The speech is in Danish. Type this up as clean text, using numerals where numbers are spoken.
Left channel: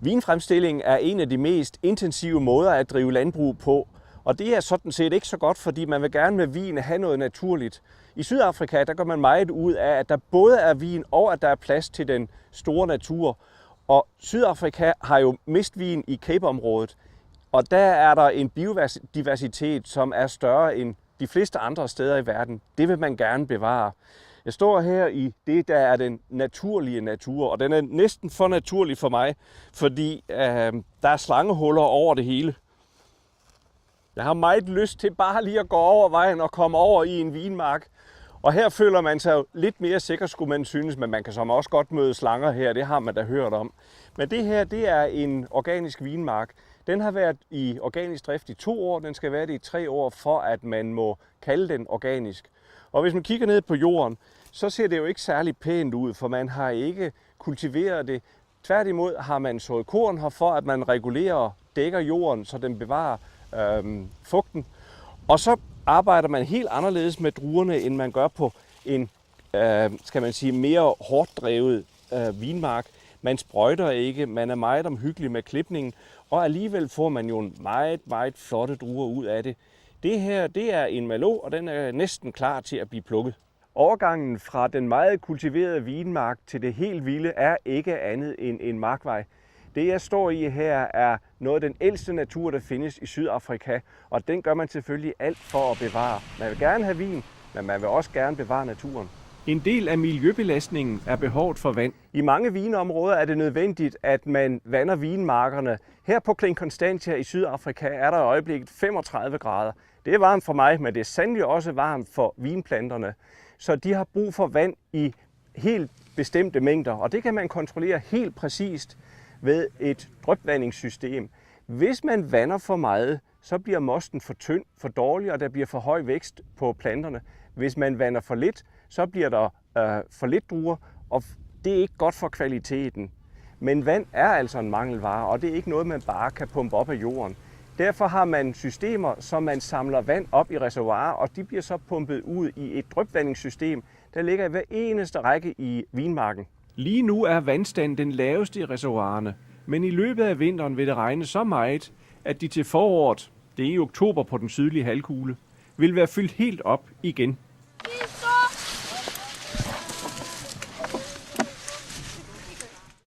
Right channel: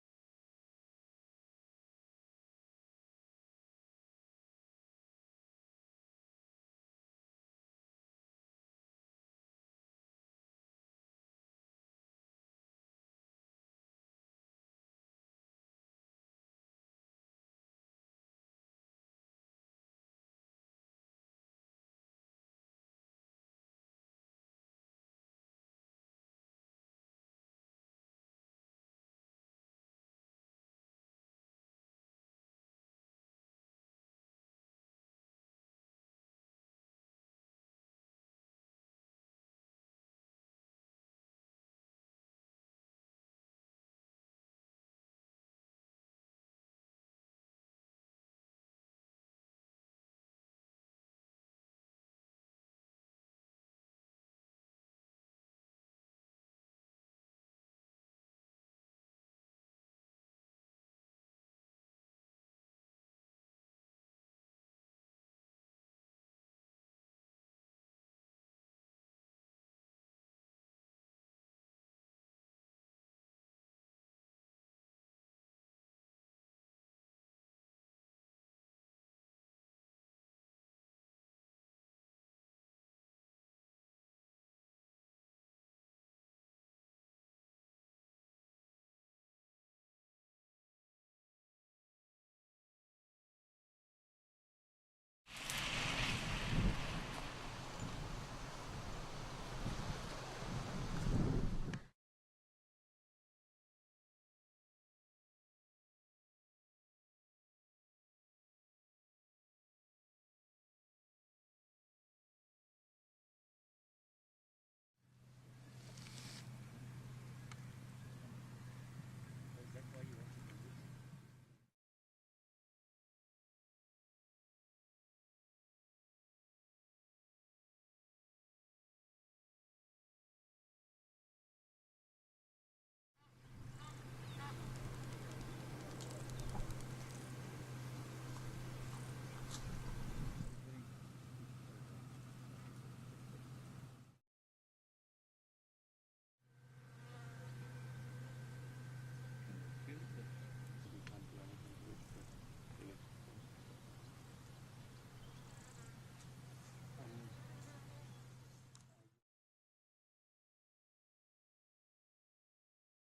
Vinfremstilling er en af de mest intensive måder at drive landbrug på, og det er sådan set ikke så godt, fordi man vil gerne med vin have noget naturligt. I Sydafrika der gør man meget ud af, at der både er vin og at der er plads til den store natur. Og Sydafrika har jo mistvin i Cape-området, og der er der en biodiversitet, som er større end de fleste andre steder i verden. Det vil man gerne bevare. Jeg står her i det, der er den naturlige natur, og den er næsten for naturlig for mig, fordi der er slangehuller over det hele. Jeg har meget lyst til bare lige at gå over vejen og komme over i en vinmark. Og her føler man sig lidt mere sikker, skulle man synes, men man kan som også godt møde slanger her, det har man da hørt om. Men det her, det er en organisk vinmark. Den har været i organisk drift i 2 år, den skal være det i 3 år, for at man må kalde den organisk. Og hvis man kigger ned på jorden, så ser det jo ikke særlig pænt ud, for man har ikke kultiveret det. Tværtimod har man sået korn her for, at man regulerer og dækker jorden, så den bevarer fugten. Og så arbejder man helt anderledes med druerne, end man gør på en skal man sige, mere hårdt drevet vinmark. Man sprøjter ikke, man er meget omhyggelig med klipningen, og alligevel får man jo meget, meget flotte druer ud af det. Det her, det er en Merlot, og den er næsten klar til at blive plukket. Overgangen fra den meget kultiverede vinmark til det helt vilde er ikke andet end en markvej. Det jeg står i her er noget af den ældste natur, der findes i Sydafrika, og den gør man selvfølgelig alt for at bevare. Man vil gerne have vin, men man vil også gerne bevare naturen. En del af miljøbelastningen er behovet for vand. I mange vinområder er det nødvendigt, at man vander vinmarkerne. Her på Klein Constantia i Sydafrika er der i øjeblikket 35 grader. Det er varmt for mig, men det er sandelig også varmt for vinplanterne. Så de har brug for vand i helt bestemte mængder, og det kan man kontrollere helt præcist ved et drypvandingssystem. Hvis man vander for meget, så bliver mosten for tynd, for dårlig, og der bliver for høj vækst på planterne. Hvis man vander for lidt, så bliver der for lidt druer, og det er ikke godt for kvaliteten. Men vand er altså en mangelvare, og det er ikke noget, man bare kan pumpe op af jorden. Derfor har man systemer, som man samler vand op i reservoirer, og de bliver så pumpet ud i et drypvandingssystem, der ligger i hver eneste række i vinmarken. Lige nu er vandstanden den laveste i reservoirerne, men i løbet af vinteren vil det regne så meget, at de til foråret, det er i oktober på den sydlige halvkugle, vil være fyldt helt op igen.